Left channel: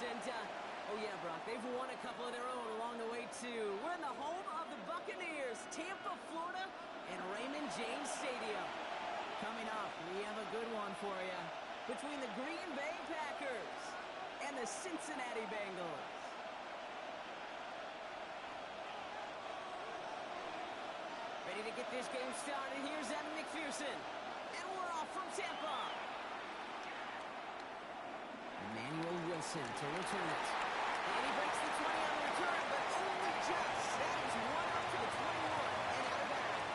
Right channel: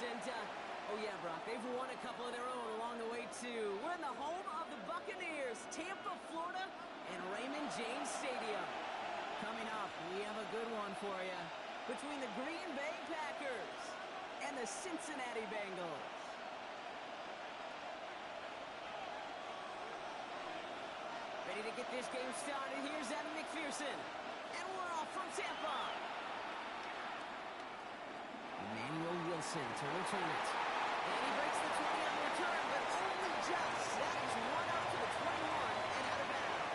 And, oh yeah, Brock, they've won a couple of their own along the way, too. We're in the home of the Buccaneers, Tampa, Florida, and Raymond James Stadium. Coming up, we have a good one for you between the Green Bay Packers and the Cincinnati Bengals. Ready to get this game started. Here's Evan McPherson. And we're off from Tampa. Emmanuel Wilson to return it. And he breaks the 20 on the return, but only just. That is one up to the 21 and out of bounds.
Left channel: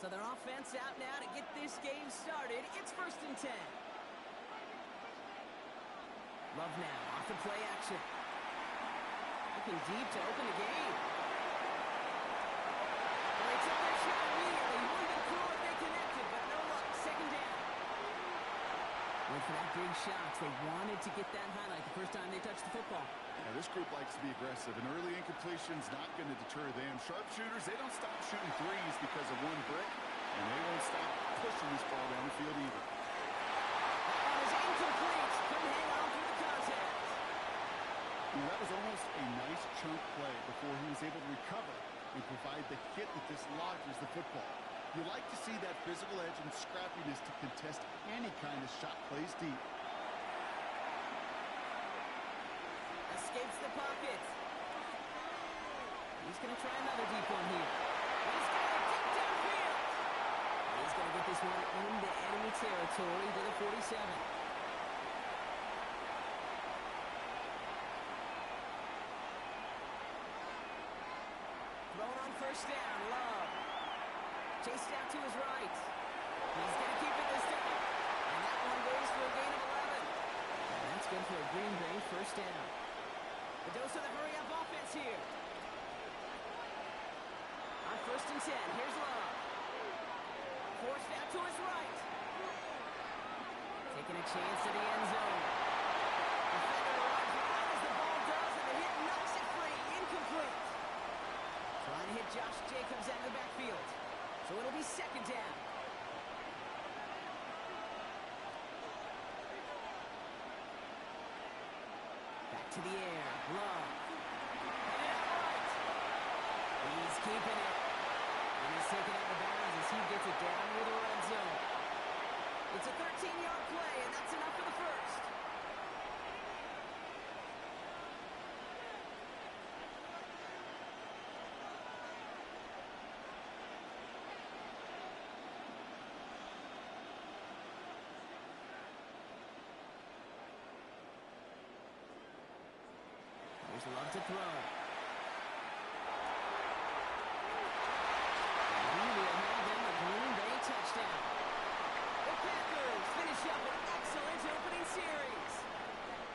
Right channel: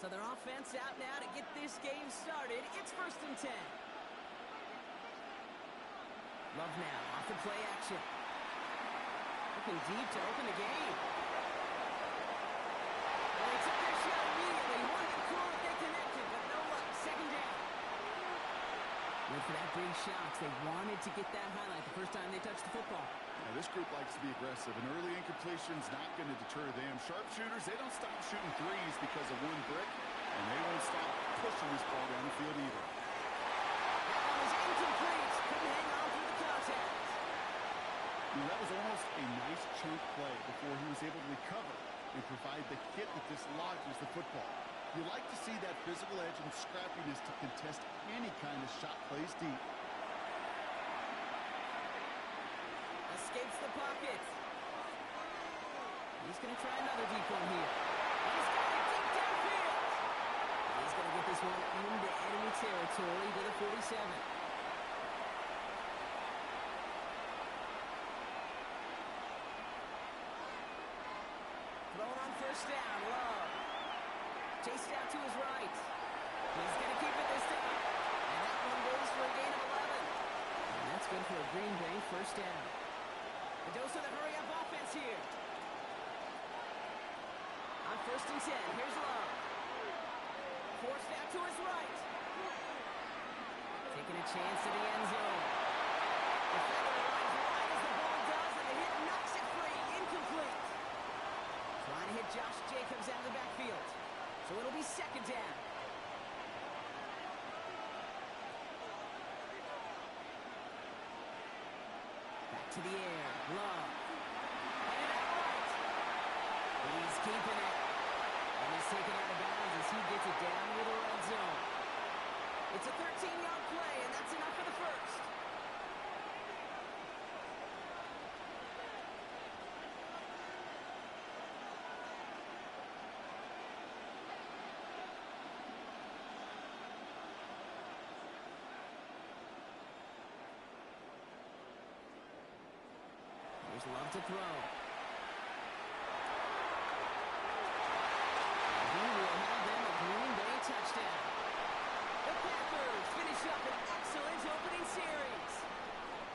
So their offense out now to get this game started. It's 1st and 10. Love now off the play action. Looking deep to open the game. Well, they took their shot immediately. Would have been cool if they connected, but no luck. 2nd down. Went for that big shot. They wanted to get that highlight the first time they touched the football. Now, this group likes to be aggressive, and early incompletion's not going to deter them. Sharpshooters, they don't stop shooting threes because of one brick, and they won't stop pushing this ball down the field either. That one is incomplete. Couldn't hang on through the contact. You know, that was almost a nice chunk play before he was able to recover and provide the hit that dislodges the football. You like to see that physical edge and scrappiness to contest any kind of shot plays deep. Escapes the pocket. He's going to try another deep one here. He's got it deep downfield. He's going to get this one into enemy territory to the 47. Thrown on 1st down, Love. Chased out to his right. He's going to keep it this time. And that one goes for a gain of 11. And that's good for a Green Bay 1st down. The dose of the hurry-up offense here. On 1st and 10, here's Love. Forced out to his right. Taking a chance to the end zone. Defender arrives right as the ball does, and the hit knocks it free. Incomplete. Trying to hit Josh Jacobs out of the backfield. So it'll be 2nd down. Back to the air. Love. Headed out right. He's keeping it. And he's taken out of bounds as he gets it down near the red zone. It's a 13-yard play, and that's enough for the 1st. Here's Love to throw. And he will have them a Green Bay touchdown. The Packers finish up an excellent opening series.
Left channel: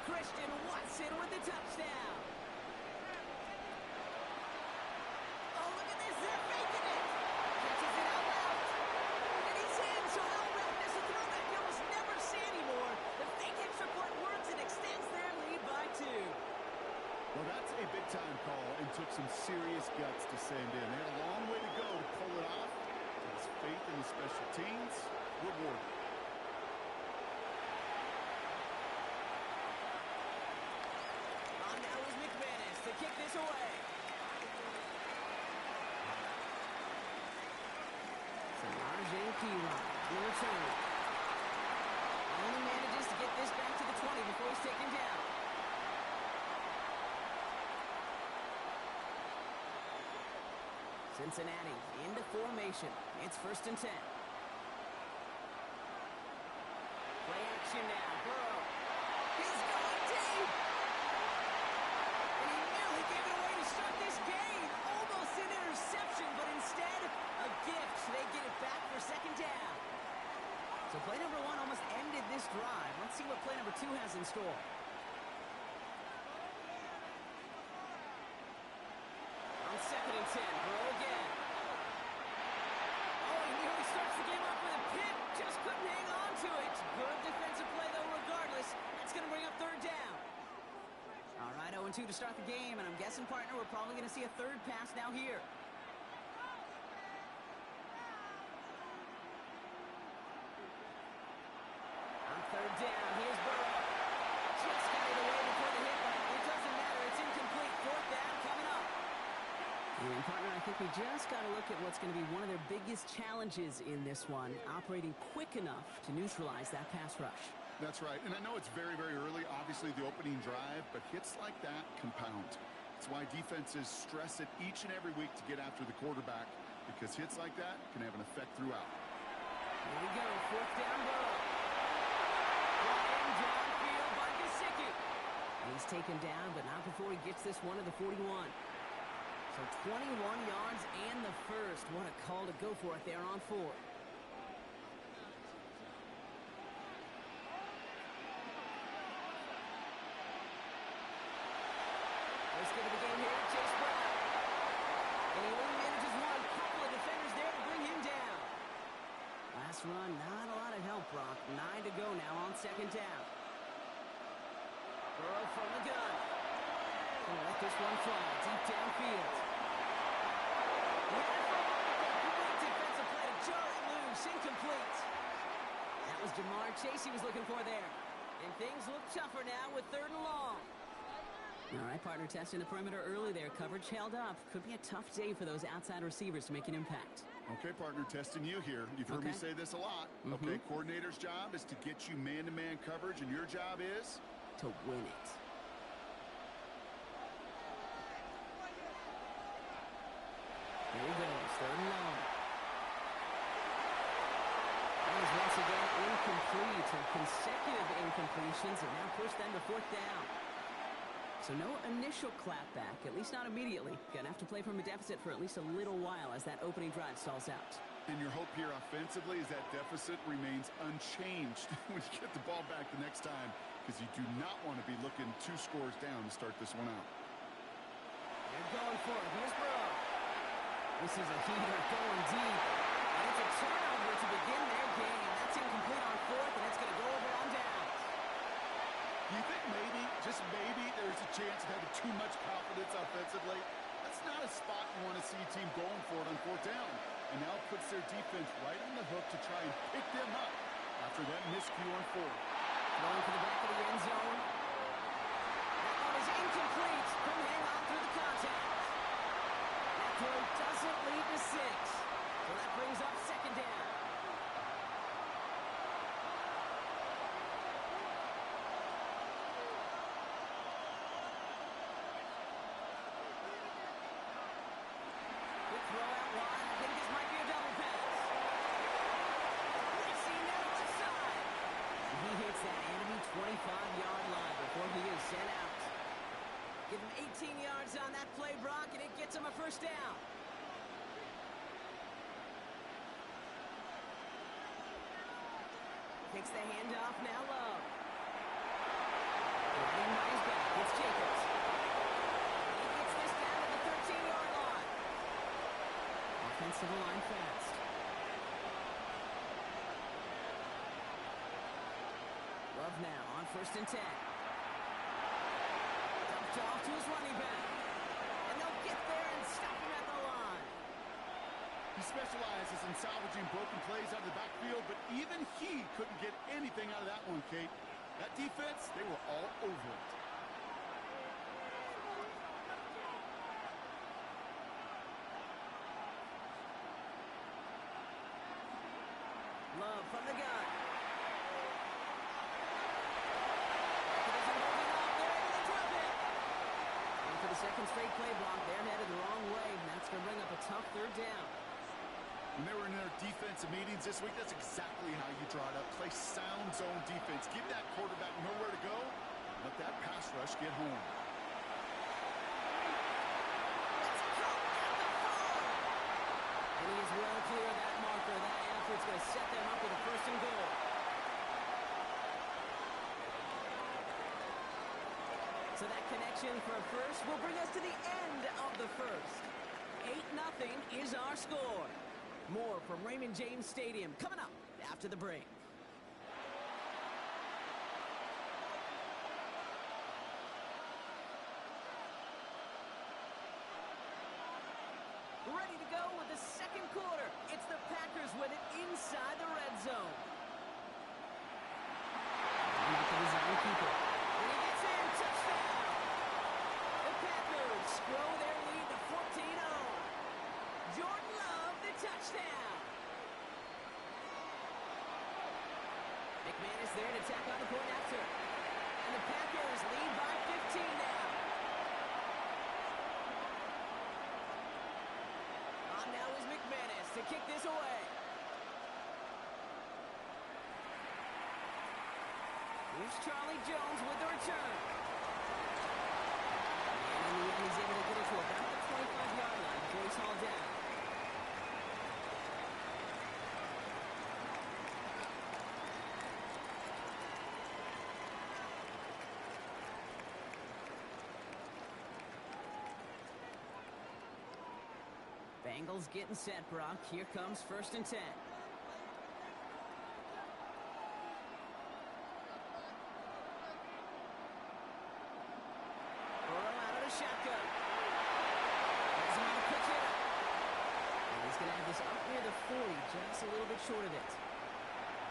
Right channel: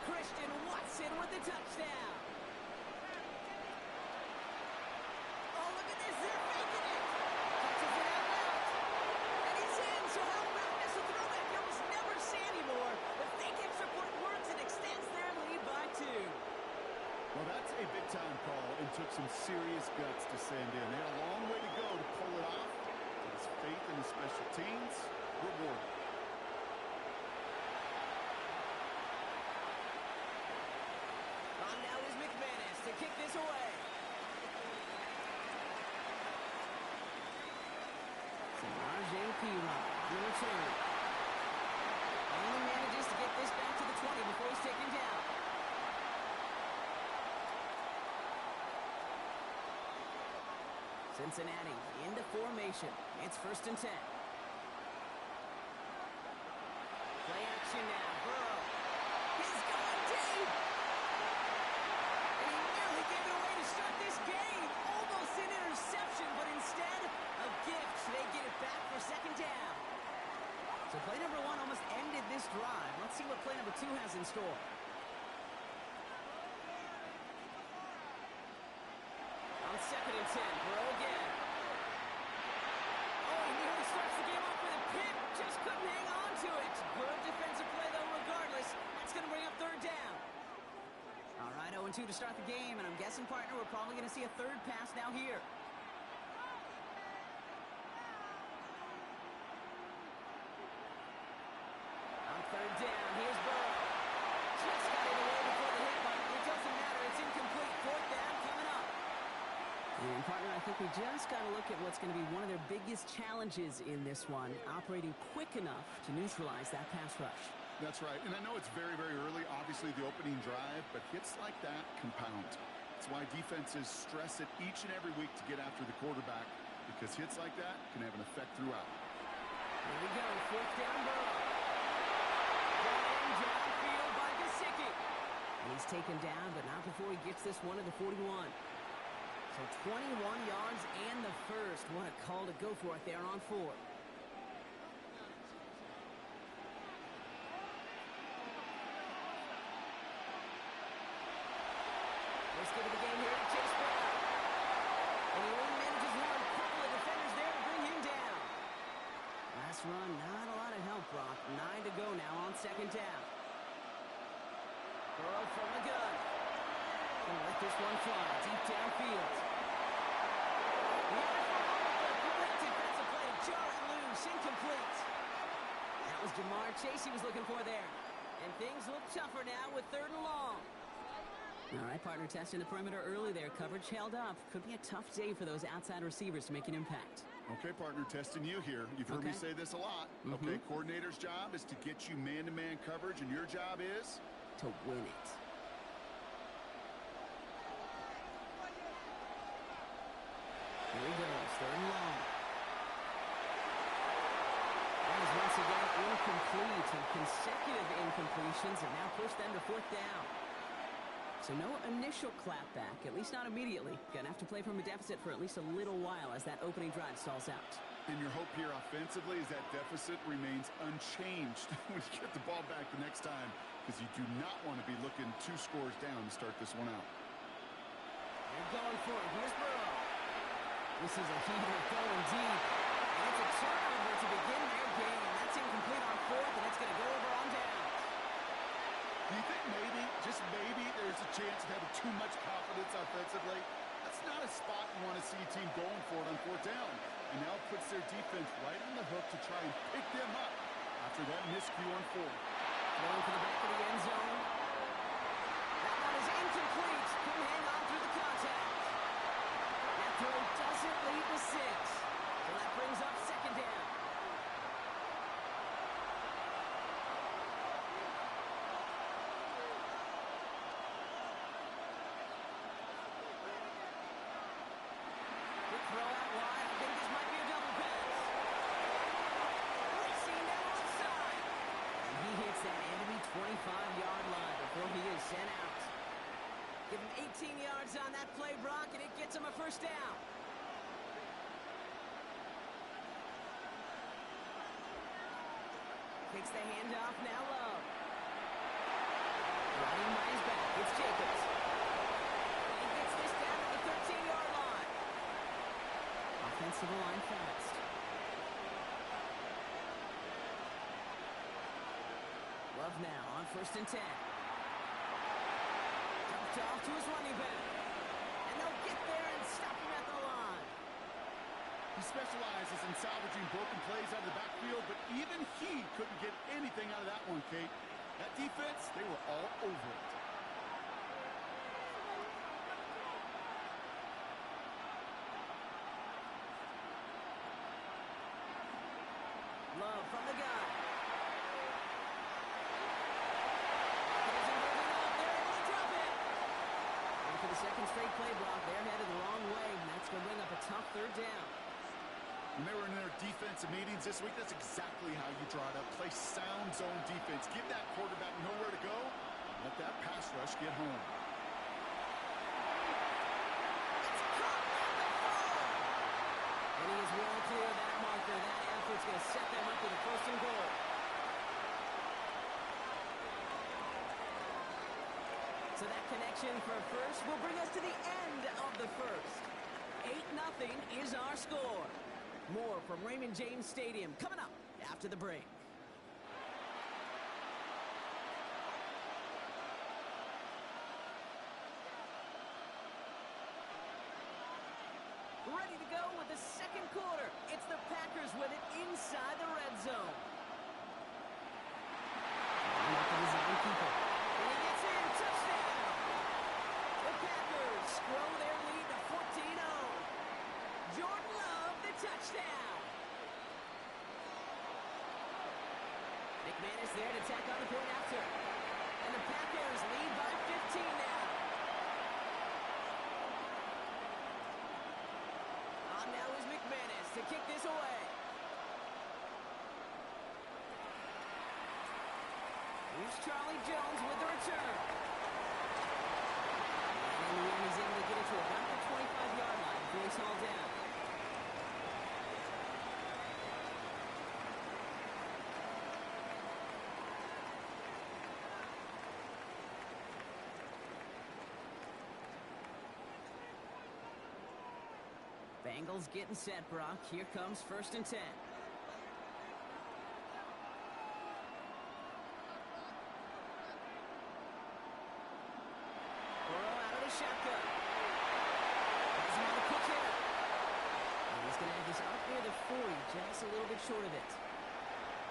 Christian Watson with the touchdown. Oh, look at this. They're faking it. Catches it out loud. And he's in. So how about this? A throwback you almost never see anymore. The fake extra point works and extends their lead by 2. Well, that's a big-time call and took some serious guts to send in. They had a long way to go to pull it off. His faith in the special teams rewarded. On now is McManus to kick this away. Samaje Perine on the return. Only manages to get this back to the 20 before he's taken down. Cincinnati into formation. It's 1st and 10. Play action now. Burrow. He's going deep. And he nearly gave it away to start this game. Let's see what play number 2 has in store. On 2nd and 10, Burrow again. Oh, he nearly starts the game off with a pick. Just couldn't hang on to it. Good defensive play, though, regardless. That's going to bring up 3rd down. All right, 0-2 to start the game, and I'm guessing, partner, we're probably going to see a 3rd pass now here. On 3rd down, here's Burrow. Just got it away before the hit, but it doesn't matter. It's incomplete. 4th down coming up. And, partner, I think we just got to look at what's going to be one of their biggest challenges in this one, operating quick enough to neutralize that pass rush. That's right, and I know it's very, very early, obviously the opening drive, but hits like that compound. That's why defenses stress it each and every week to get after the quarterback, because hits like that can have an effect throughout. Here we go, 4th down, Burrow. Brought in downfield by Gesicki. And he's taken down, but not before he gets this one to the 41. So 21 yards and the first. What a call to go for it there on 4. First give of the game here to Chase Brown. And he only manages one. Couple of defenders there to bring him down. Last run, not a lot of help, Brock. 9 to go now on 2nd down. Burrow from the gun. Gonna let this one fly deep downfield. He had it for a moment, but a great defensive play to jar it loose. Incomplete. That was Jamar Chase he was looking for there. And things look tougher now with 3rd and long. All right, partner, testing the perimeter early there. Coverage held up. Could be a tough day for those outside receivers to make an impact. Okay, partner, testing you here. You've heard me say this a lot. Okay, coordinator's job is to get you man-to-man coverage, and your job is? To win it. Here he goes, 3rd and long. That is once again incomplete, and consecutive incompletions have now pushed them to 4th down. So no initial clapback, at least not immediately. Gonna have to play from a deficit for at least a little while as that opening drive stalls out. And your hope here offensively is that deficit remains unchanged when you get the ball back the next time, because you do not want to be looking 2 scores down to start this one out. They're going for it. Here's Burrow. This is a heater going deep. And it's a turnover to begin their game. That's incomplete on 4th, and it's going to go over on downs. Do you think maybe, just maybe, there's a chance of having too much confidence offensively? That's not a spot you want to see a team going for it on 4th down. And now it puts their defense right on the hook to try and pick them up after that miscue on 4th. Throwing for the back of the end zone. That one is incomplete. Couldn't hang on through the contact. That throw doesn't lead to 6. So that brings up 2nd down. Quick throw out wide. I think this might be a double pass. Racing down the left side. And he hits that enemy 25-yard line before he is sent out. Give him 18 yards on that play, Brock, and it gets him a 1st down. Takes the handoff, now Love. Riding by his back, it's Jacobs. And he gets this down to the 13-yard line. Offensive line fast. Love now on 1st and 10. Dumped off to his running back. And they'll get there and stop him at the line. He specializes in salvaging broken plays out of the backfield, but even he couldn't get anything out of that one, Kate. That defense, they were all over it. Love from the gun. It isn't holding up. They're able to drop it. And for the 2nd straight play block, they're headed the wrong way, and that's going to bring up a tough 3rd down. When they were in their defensive meetings this week, that's exactly how you draw it up. Play sound zone defense. Give that quarterback nowhere to go. Let that pass rush get home. It's caught at the 4. And he is well clear of that marker. That effort's going to set them up with a 1st and goal. So that connection for first will bring us to the end of the first. 8-0 is our score. More from Raymond James Stadium coming up after the break. Ready to go with the second quarter. It's the Packers with it inside the red zone. Not the design keeper. And he gets in. Touchdown. The Packers grow their lead to 14-0. Jordan Love, the touchdown. McManus there to tack on the point after. And the Packers lead by 15 now. Now is McManus to kick this away. Here's Charlie Jones with the return. And in the end, he's able to get it to about the 25-yard line before he's hauled down. Bengals getting set, Brock. Here comes 1st and 10. Burrow out of the shotgun. Has him on the quick hitter. And he's going to have this up near the 40, just a little bit short of it.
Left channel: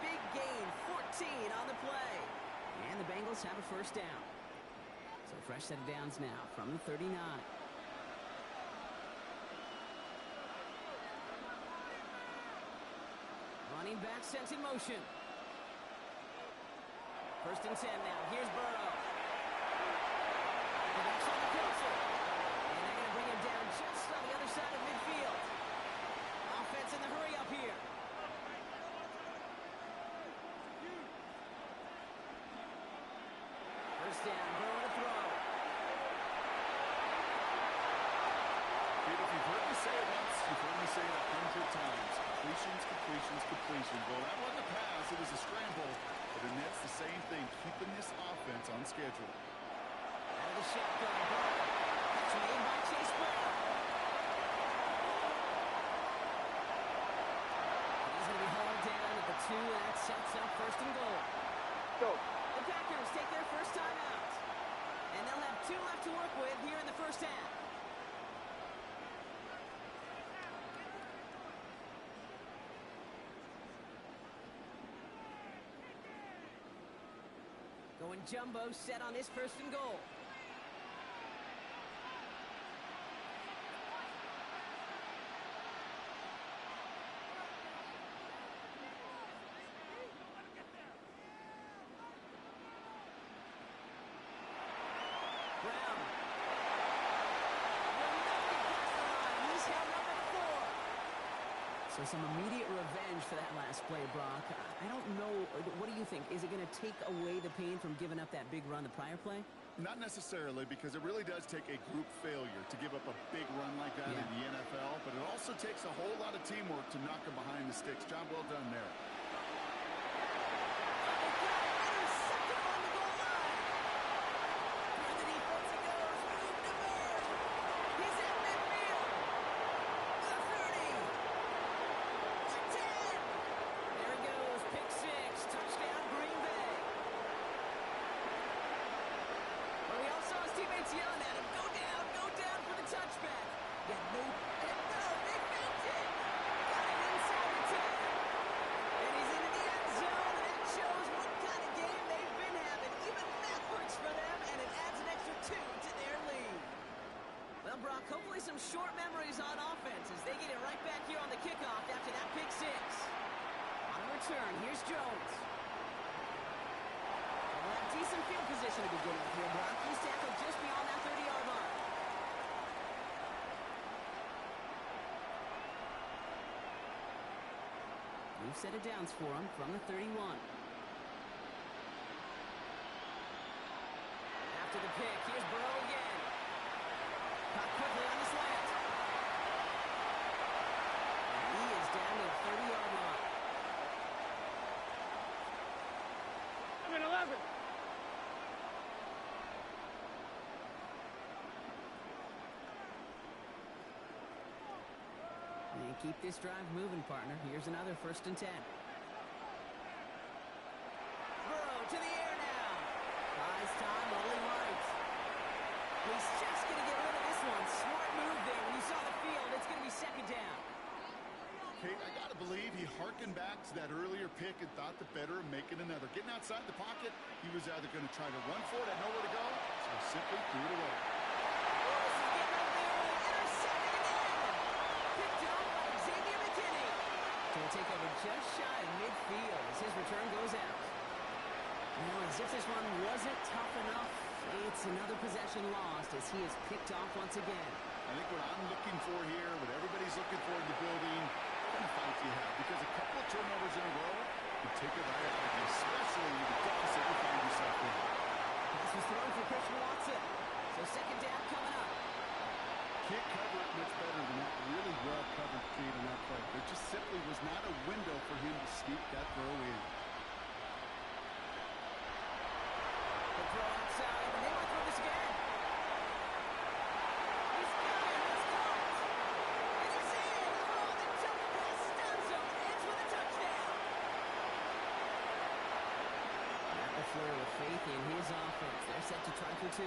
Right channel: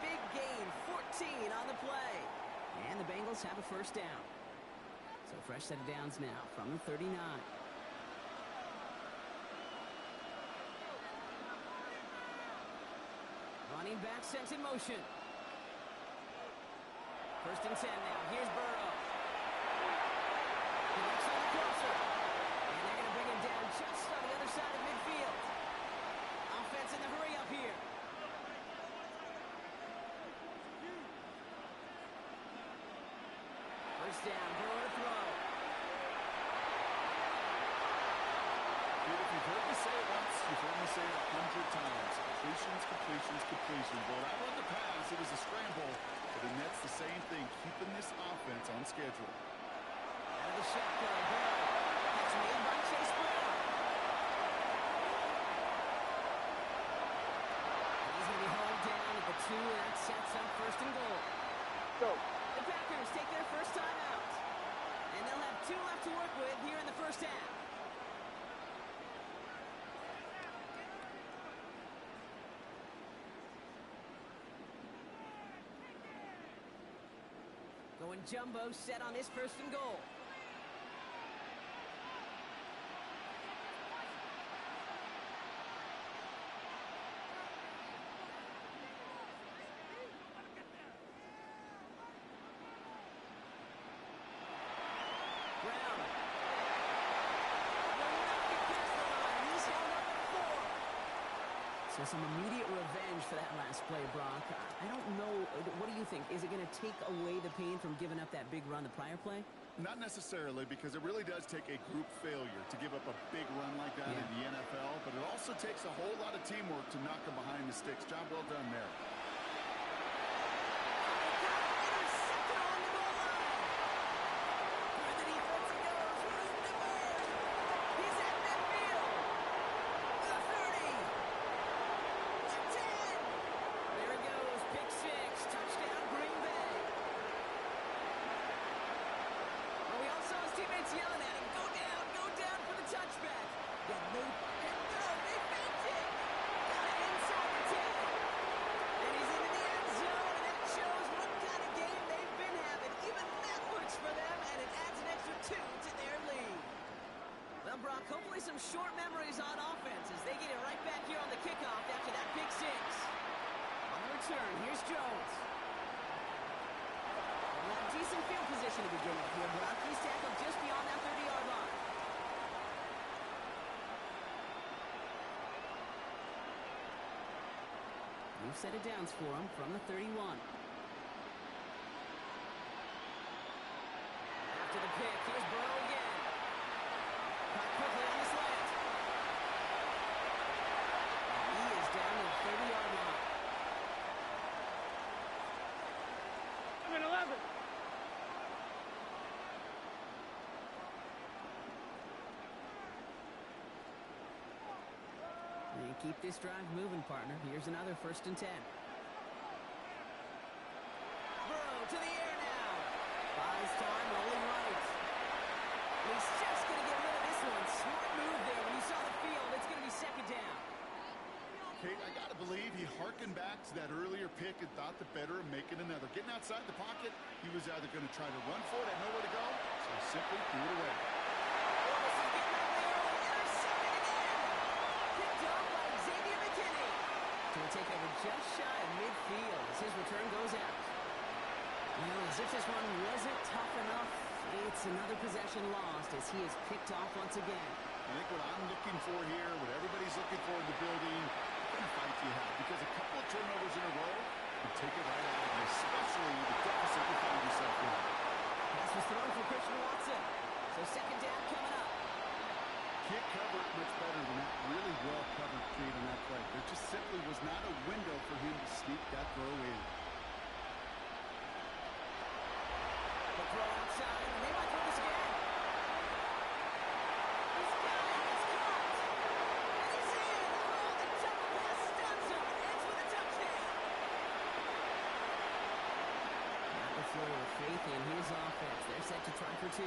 Big gain, 14 on the play. And the Bengals have a first down. So fresh set of downs now from the 39. Running back sent in motion. 1st and 10 now. Here's Burrow. Connects on the crosser. And they're going to bring him down just on the other side of midfield. Offense in the hurry up here. First down. Burrow to throw. Kid, if you've heard me say it once, you've heard me say it 100 times. Completions, completions, completions. Well, that wasn't a pass. It was a scramble. But the Nets the same thing, keeping this offense on schedule. Out of the shotgun, Burrow. Catch made by Chase Brown. He's going to be hauled down at the 2, and that sets up 1st and goal. Go. The Packers take their first time out. And they'll have 2 left to work with here in the first half. Going jumbo set on this 1st and goal. Brown. Will not get past the line. He's held up at 4. So some immediate revenge for that last play, Brock. I don't know. What do you think? Is it going to take away the pain from giving up that big run the prior play? Not necessarily, because it really does take a group failure to give up a big run like that in the NFL, but it also takes a whole lot of teamwork to knock them behind the sticks. Job well done there. They got it. Intercepted on the goal line. Where the defense goes. Room to burn. He's at midfield. The 30. The 10. There he goes. Pick 6. Touchdown, Green Bay. But we all saw his teammates yelling at him, go down for the touchback. Yeah, no, they faked it. Got it inside the 10. And he's into the end zone, and that shows what kind of game they've been having. Even that works for them, and it adds an extra 2 to their lead. Well, Brock, hopefully some short memories on offense as they get it right back here on the kickoff after that pick 6. On the return, here's Jones. They'll have decent field position to begin with here, Brock. He's tackled just beyond that 30-yard line. New set of downs for him from the 31. After the pick, here's Burrow again. Caught quickly on the slant. And he is down to the 30-yard line. 11. And keep this drive moving, partner. Here's another 1st and 10. Burrow to the air now. Buys time, rolling right. He's just going to get rid of this one. Smart move there. When you saw the field, it's going to be 2nd down. Kate, I got to believe he hearkened back to that earlier pick and thought the better of making another. Getting outside the pocket, he was either going to try to run for it, had nowhere to go, so he simply threw it away. Oh, this is getting up there early. Intercepted again. Picked off by Xavier McKinney. So we'll take over just shy of midfield as his return goes out. Well, as if this run wasn't tough enough, it's another possession lost as he is picked off once again. I think what I'm looking for here, what everybody's looking for in the building, what kind of fight do you have? Because a couple of turnovers in a row would take it right out of you, especially the deficit you find yourself in. Pass was thrown for Christian Watson. So 2nd down coming up. Can't cover it much better than that. Really well covered, Kate, on that play. There just simply was not a window for him to sneak that throw in. The throw outside, and they might throw this again. He's got it. It's caught. And he's in. Oh, the double pass stuns him and ends with a touchdown. Matt LaFleur with faith in his offense. They're set to try for 2.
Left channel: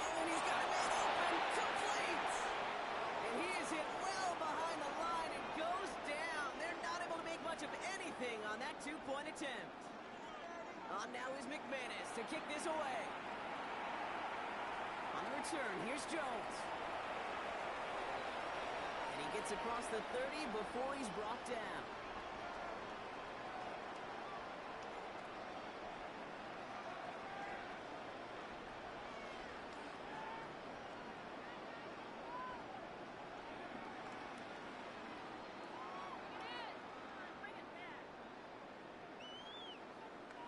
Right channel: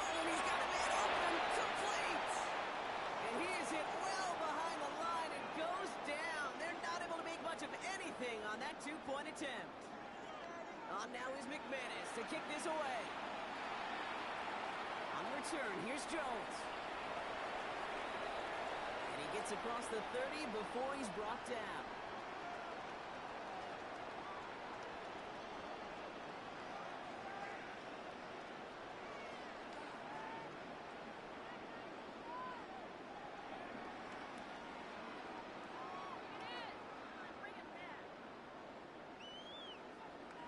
Oh, and he's got a man open. Complete. And he is hit well behind the line and goes down. They're not able to make much of anything on that 2-point attempt. On now is McManus to kick this away. On the return, here's Jones. And he gets across the 30 before he's brought down.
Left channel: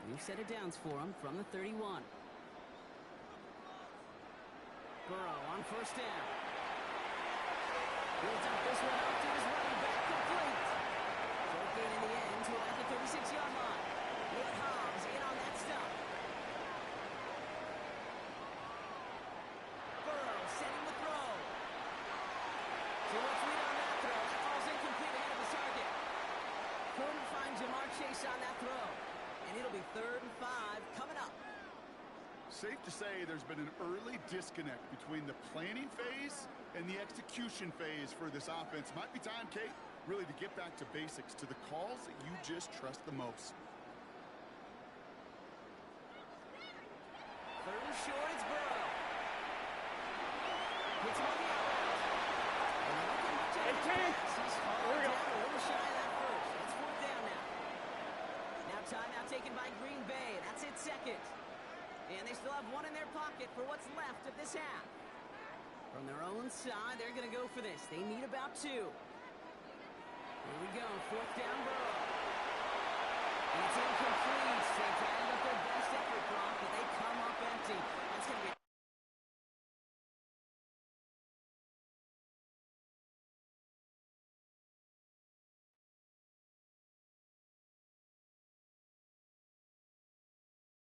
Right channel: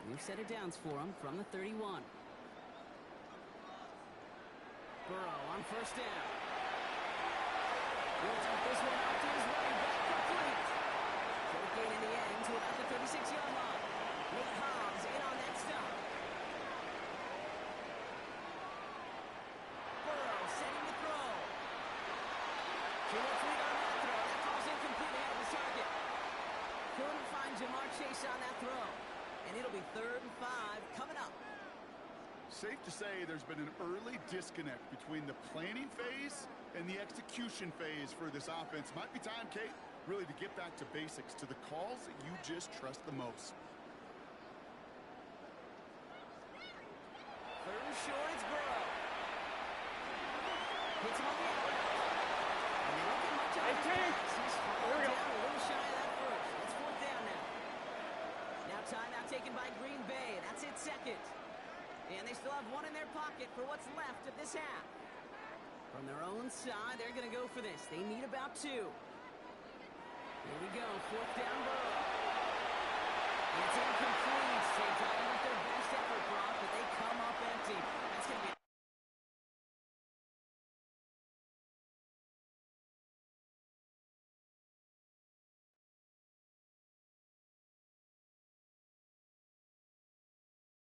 New set of downs for him from the 31. Burrow on 1st down. He'll dump this one out to his running back, complete. Short gain in the end to about the 36-yard line. Nate Hobbs in on that stop. Burrow setting the throw. Too much lead on that throw. That falls incomplete ahead of his target. Couldn't find Jamar Chase on that throw. And it'll be 3rd and 5 coming up. Safe to say there's been an early disconnect between the planning phase and the execution phase for this offense. Might be time, Kate, really to get back to basics, to the calls that you just trust the most. 3rd and short, it's Burrow. Hits him on the out route. And they don't get much out of his pass. He's hauled down a little shy of that first. It's 4th down now. Now timeout taken by Green Bay. That's it, 2nd. And they still have one in their pocket for what's left of this half. From their own side, they're going to go for this. They need about 2. Here we go, 4th down Burrow. And it's incomplete. They dialed up their best effort